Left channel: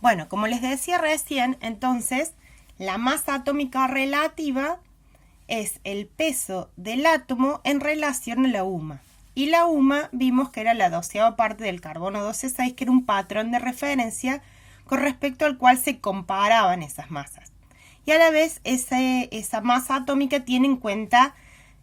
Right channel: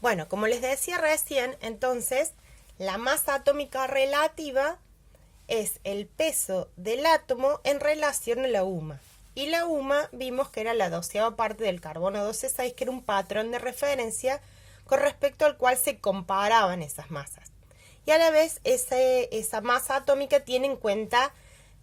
Bueno, como les decía recién, entonces, la masa atómica relativa es el peso del átomo en relación a la UMA. Y la UMA vimos que era la 12ª parte del carbono 12,6, que era un patrón de referencia con respecto al cual se comparaban esas masas. Y a la vez esa masa atómica tiene en cuenta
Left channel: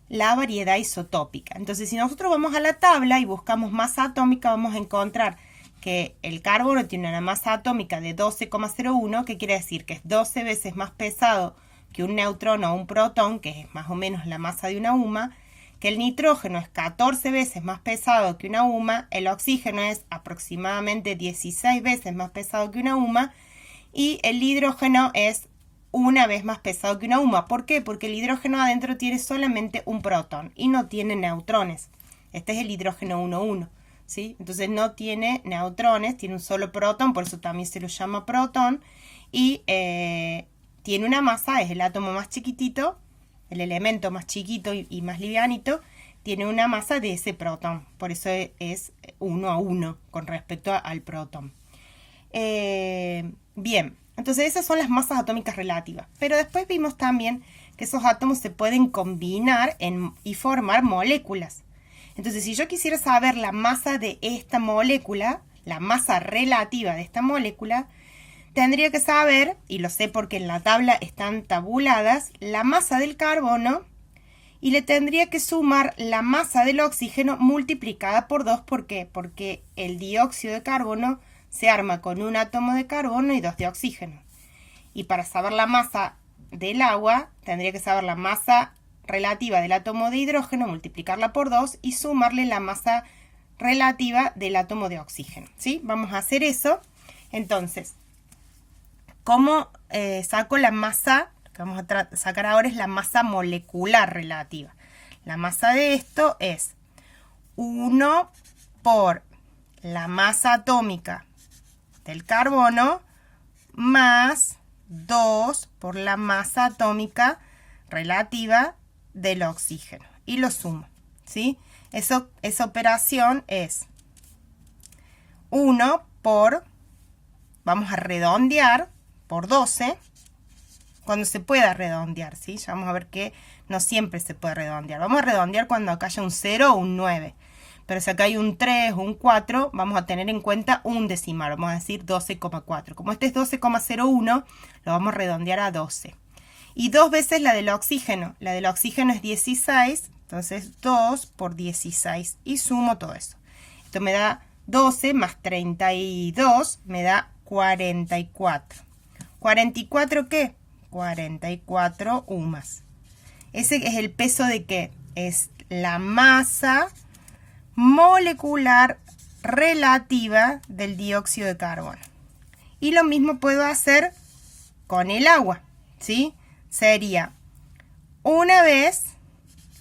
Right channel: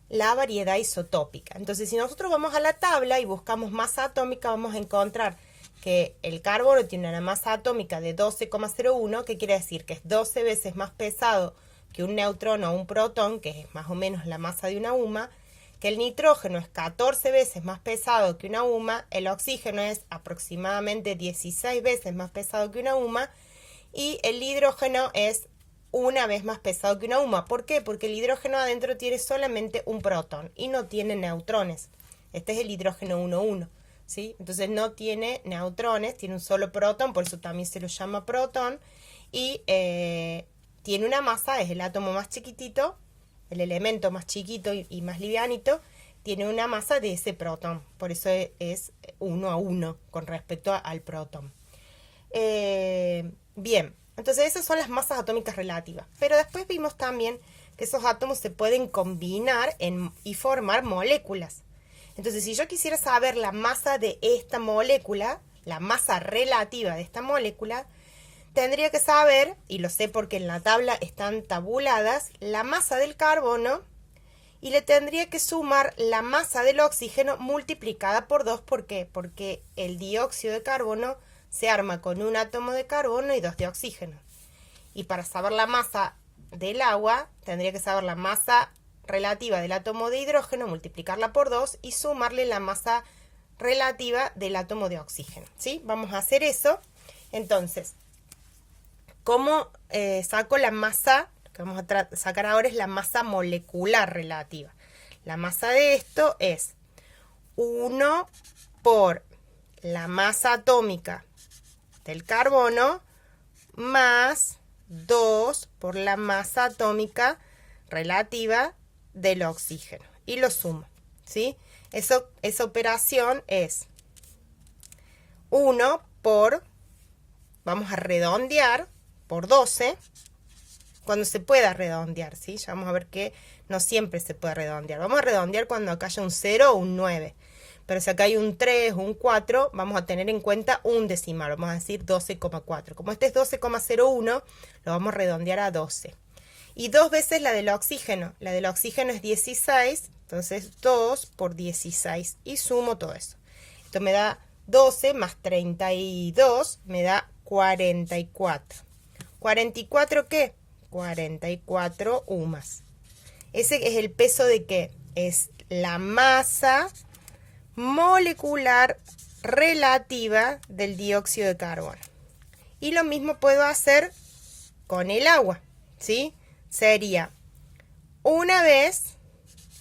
la variedad isotópica. Entonces, si nosotros vamos a la tabla y buscamos masa atómica, vamos a encontrar que el carbono tiene una masa atómica de 12,01, que quiere decir que es 12 veces más pesado que un neutrón o un protón, que es más o menos la masa de una UMA, que el nitrógeno es 14 veces más pesado que una UMA, el oxígeno es aproximadamente 16 veces más pesado que una UMA, y el hidrógeno es una vez más pesado que una UMA. ¿Por qué? Porque el hidrógeno adentro tiene solamente un protón y no tiene neutrones. Este es el hidrógeno 1,1. ¿Sí? Entonces no tiene neutrones, tiene un solo protón, por eso también se lo llama protón, y tiene una masa, es el átomo más chiquitito, el elemento más chiquito y más livianito, tiene una masa de ese protón, por eso es 1 a 1 con respecto al protón. Bien, entonces esas son las masas atómicas relativas, pero después vimos también que esos átomos se pueden combinar y formar moléculas. Entonces, si yo quisiera saber la masa de esta molécula, la masa relativa de esta molécula, tendría que saber, y lo sé porque en la tabla están tabuladas, la masa del carbono y le tendría que sumar la masa del oxígeno multiplicada por 2. ¿Por qué? Porque el dióxido de carbono se arma con un átomo de carbono y 2 de oxígeno. Y para saber la masa del agua, tendría que saber la masa relativa del átomo de hidrógeno, multiplicarla por 2 y sumarle la masa relativa del átomo de oxígeno. ¿Sí? Vamos a hacer eso. Entonces, ¿cómo saco la masa? Lo que vamos a sacar ahora es la masa molecular relativa. La masa de esto es 1 por la masa atómica del carbono más 2 por la masa atómica relativa del oxígeno. Y lo sumo, ¿sí? Esa operación es 1 por, vamos a redondear, por 12, cuando se pueda redondear, ¿sí? Ya vamos a ver que no siempre se puede redondear. Vamos a redondear cuando acá haya un 0 o un 9. Pero si acá hay un 3 o un 4, vamos a tener en cuenta un decimal. Vamos a decir 12,4. Como este es 12,01, lo vamos a redondear a 12. Y 2 veces la del oxígeno. La del oxígeno es 16, entonces 2 por 16. Y sumo todo eso. Esto me da 12 más 32, me da 44. ¿44 qué? 44 UMAs. Ese es el peso de ¿qué? Es la masa molecular relativa del dióxido de carbono. Y lo mismo puedo hacer con el agua, ¿sí? Sería una vez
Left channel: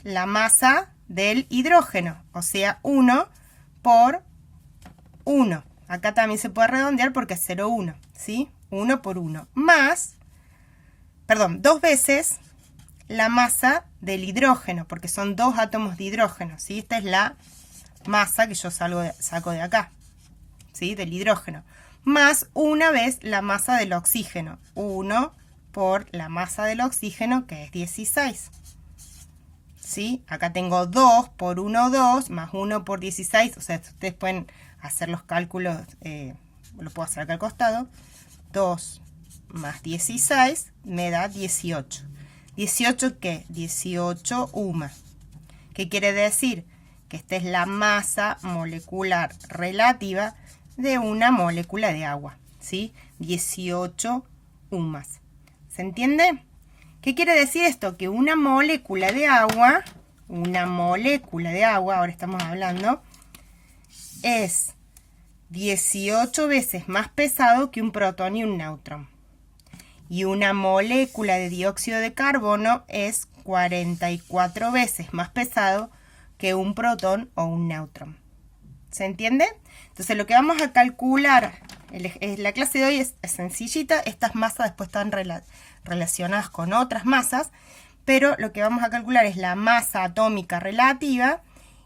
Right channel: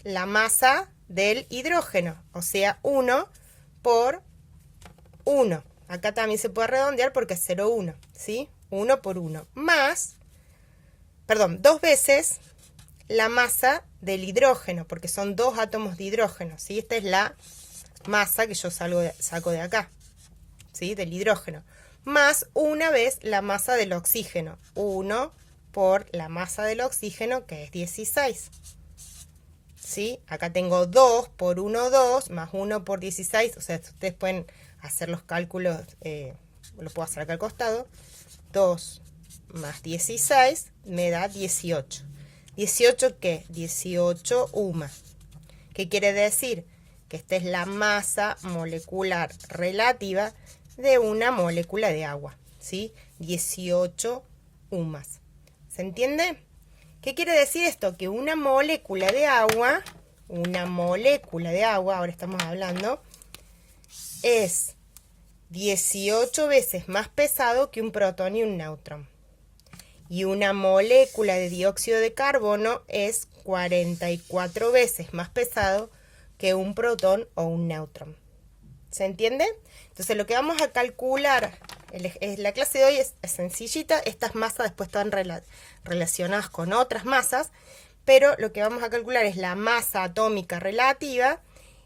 la masa del hidrógeno, o sea, 1 por 1. Acá también se puede redondear porque es 0,1, ¿sí? 1 por 1. Más, perdón, 2 veces la masa del hidrógeno, porque son 2 átomos de hidrógeno, ¿sí? Esta es la masa que yo saco de acá, ¿sí? Del hidrógeno. Más una vez la masa del oxígeno. 1 por la masa del oxígeno, que es 16. ¿Sí? Acá tengo 2 por 1, 2, más 1 por 16. O sea, ustedes pueden hacer los cálculos, lo puedo hacer acá al costado. 2 más 16 me da 18. ¿18 qué? 18 UMA. ¿Qué quiere decir? Que esta es la masa molecular relativa de una molécula de agua, ¿sí? 18 UMAs. ¿Se entiende? ¿Qué quiere decir esto? Que una molécula de agua, ahora estamos hablando, es 18 veces más pesado que un protón y un neutrón. Y una molécula de dióxido de carbono es 44 veces más pesado que un protón o un neutrón. ¿Se entiende? Entonces lo que vamos a calcular, la clase de hoy es sencillita, estas masas después están relacionadas con otras masas, pero lo que vamos a calcular es la masa atómica relativa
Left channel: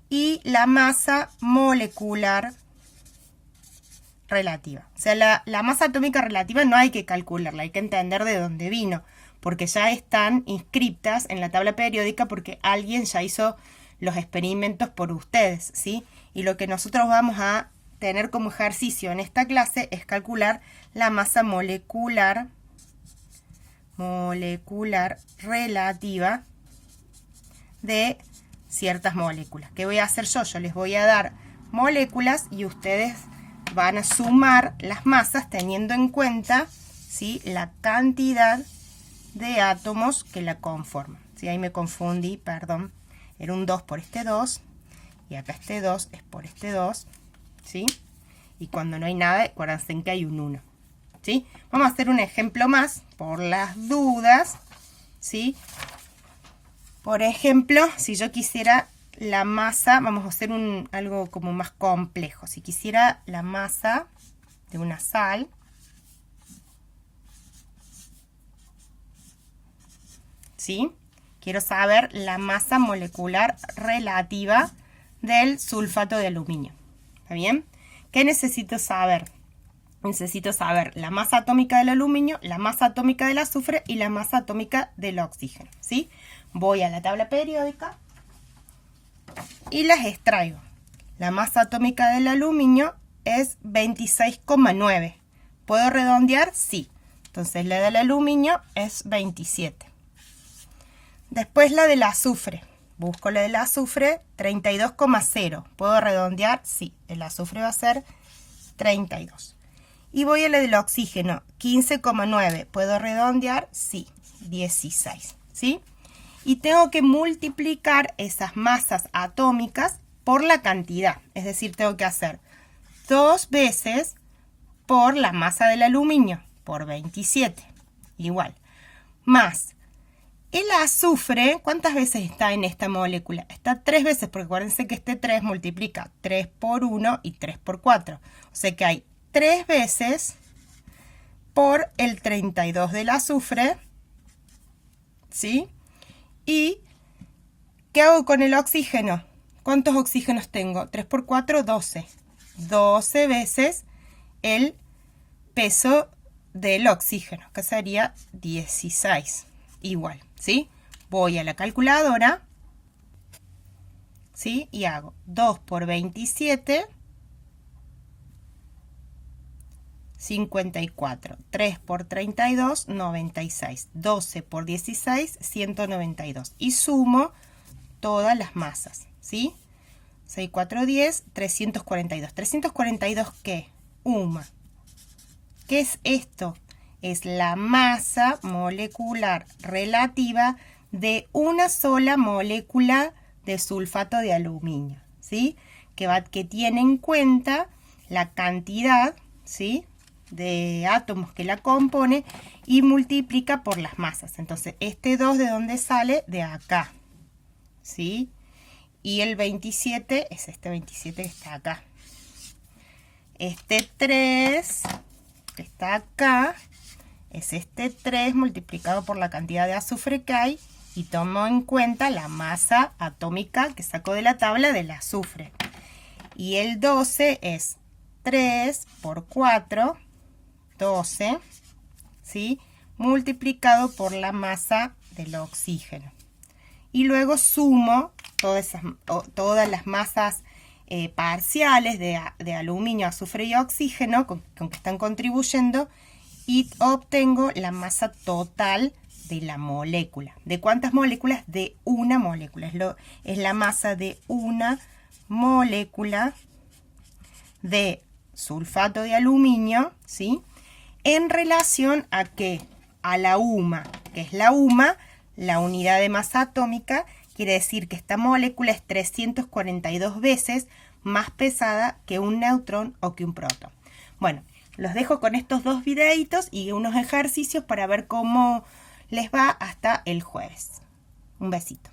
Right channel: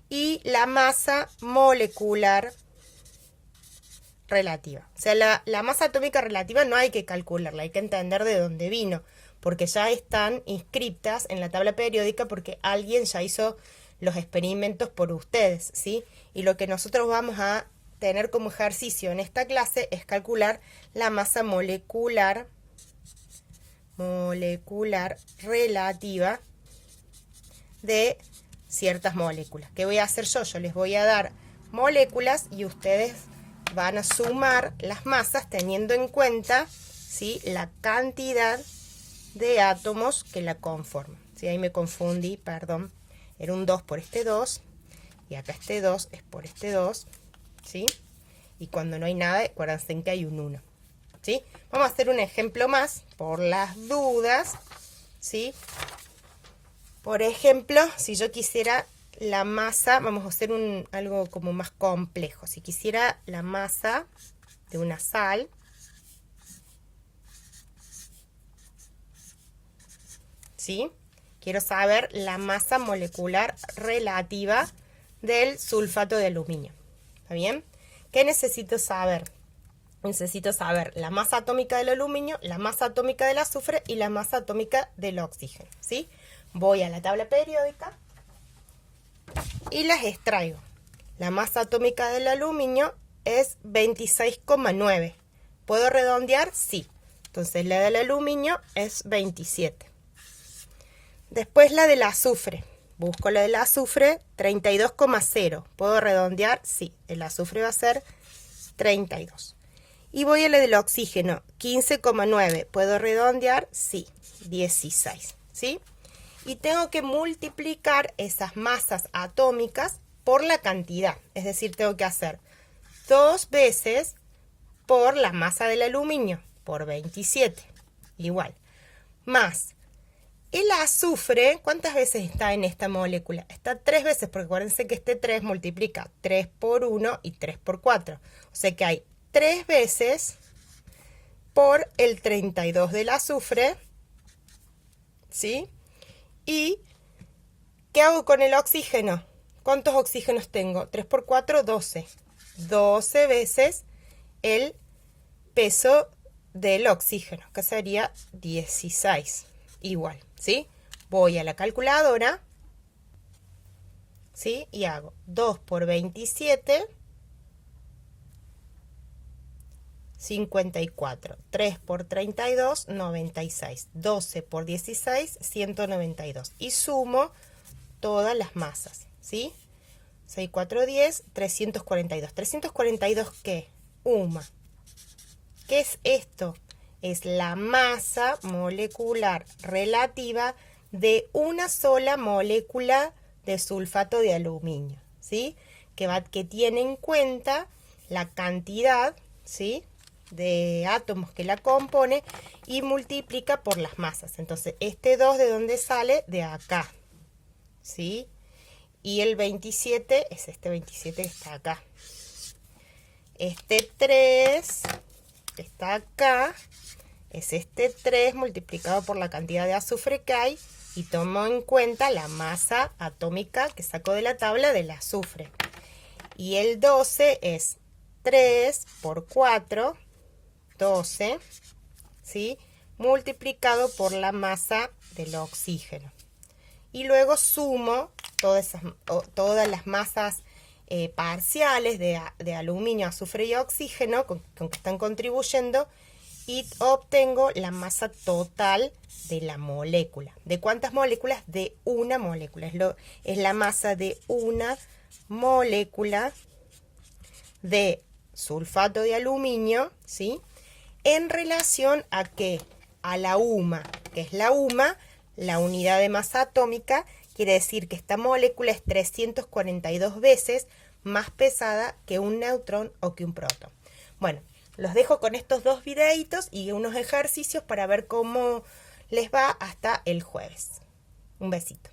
y la masa molecular relativa. O sea, la masa atómica relativa no hay que calcularla, hay que entender de dónde vino, porque ya están inscritas en la tabla periódica porque alguien ya hizo los experimentos por ustedes, ¿sí? Y lo que nosotros vamos a tener como ejercicio en esta clase es calcular la masa molecular relativa de ciertas moléculas. ¿Qué voy a hacer yo? Yo les voy a dar moléculas y ustedes van a sumar las masas teniendo en cuenta, ¿sí?, la cantidad de átomos que la conforman. ¿Sí? Ahí me confundí, perdón. Era un 2 por este 2 y acá este 2 es por este 2, ¿sí? Y cuando no hay nada, acuérdense que hay un 1, ¿sí? Vamos a hacer un ejemplo más por las dudas, ¿sí? Por ejemplo, si yo quisiera la masa, vamos a hacer algo como más complejo. Si quisiera la masa de una sal, ¿sí? Quiero saber la masa molecular relativa del sulfato de aluminio. ¿Está bien? ¿Qué necesito saber? Necesito saber la masa atómica del aluminio, la masa atómica del azufre y la masa atómica del oxígeno, ¿sí? Voy a la tabla periódica y las extraigo. La masa atómica del aluminio es 26,9. ¿Puedo redondear? Sí. Entonces la del aluminio es 27. Después la del azufre. Busco la del azufre, 32,0. ¿Puedo redondear? Sí. El azufre va a ser 32. Y voy a la del oxígeno, 15,9. ¿Puedo redondear? Sí. 16. ¿Sí? Y tengo que multiplicar esas masas atómicas por la cantidad. Es decir, tengo que hacer 2 veces por la masa del aluminio, por 27. Igual. Más el azufre, ¿cuántas veces está en esta molécula? Está 3 veces, porque acuérdense que este 3 multiplica 3 por 1 y 3 por 4. O sea que hay 3 veces por el 32 del azufre, ¿sí? ¿Y qué hago con el oxígeno? ¿Cuántos oxígenos tengo? 3 por 4, 12. 12 veces el peso del oxígeno, que sería 16. Igual, ¿sí? Voy a la calculadora, ¿sí? Y hago 2 por 27, 54. 3 por 32, 96. 12 por 16, 192. Y sumo todas las masas, ¿sí? 6, 4, 10, 342. ¿342 qué? UMA. ¿Qué es esto? Es la masa molecular relativa de una sola molécula de sulfato de aluminio, ¿sí? Que tiene en cuenta la cantidad, ¿sí?, de átomos que la compone y multiplica por las masas. Entonces, este 2 ¿de dónde sale? De acá, ¿sí? Y el 27 es este 27 que está acá. Este 3 que está acá es este 3 multiplicado por la cantidad de azufre que hay y tomo en cuenta la masa atómica que saco de la tabla del azufre. Y el 12 es 3 por 4, 12, ¿sí?, multiplicado por la masa del oxígeno. Y luego sumo todas las masas parciales de aluminio, azufre y oxígeno con que están contribuyendo y obtengo la masa total de la molécula. ¿De cuántas moléculas? De una molécula. Es la masa de una molécula de sulfato de aluminio, ¿sí?, en relación a ¿qué? A la UMA, que es la UMA, la unidad de masa atómica. Quiere decir que esta molécula es 342 veces más pesada que un neutrón o que un protón. Bueno, los dejo con estos 2 videitos y unos ejercicios para ver cómo les va hasta el jueves. Un besito.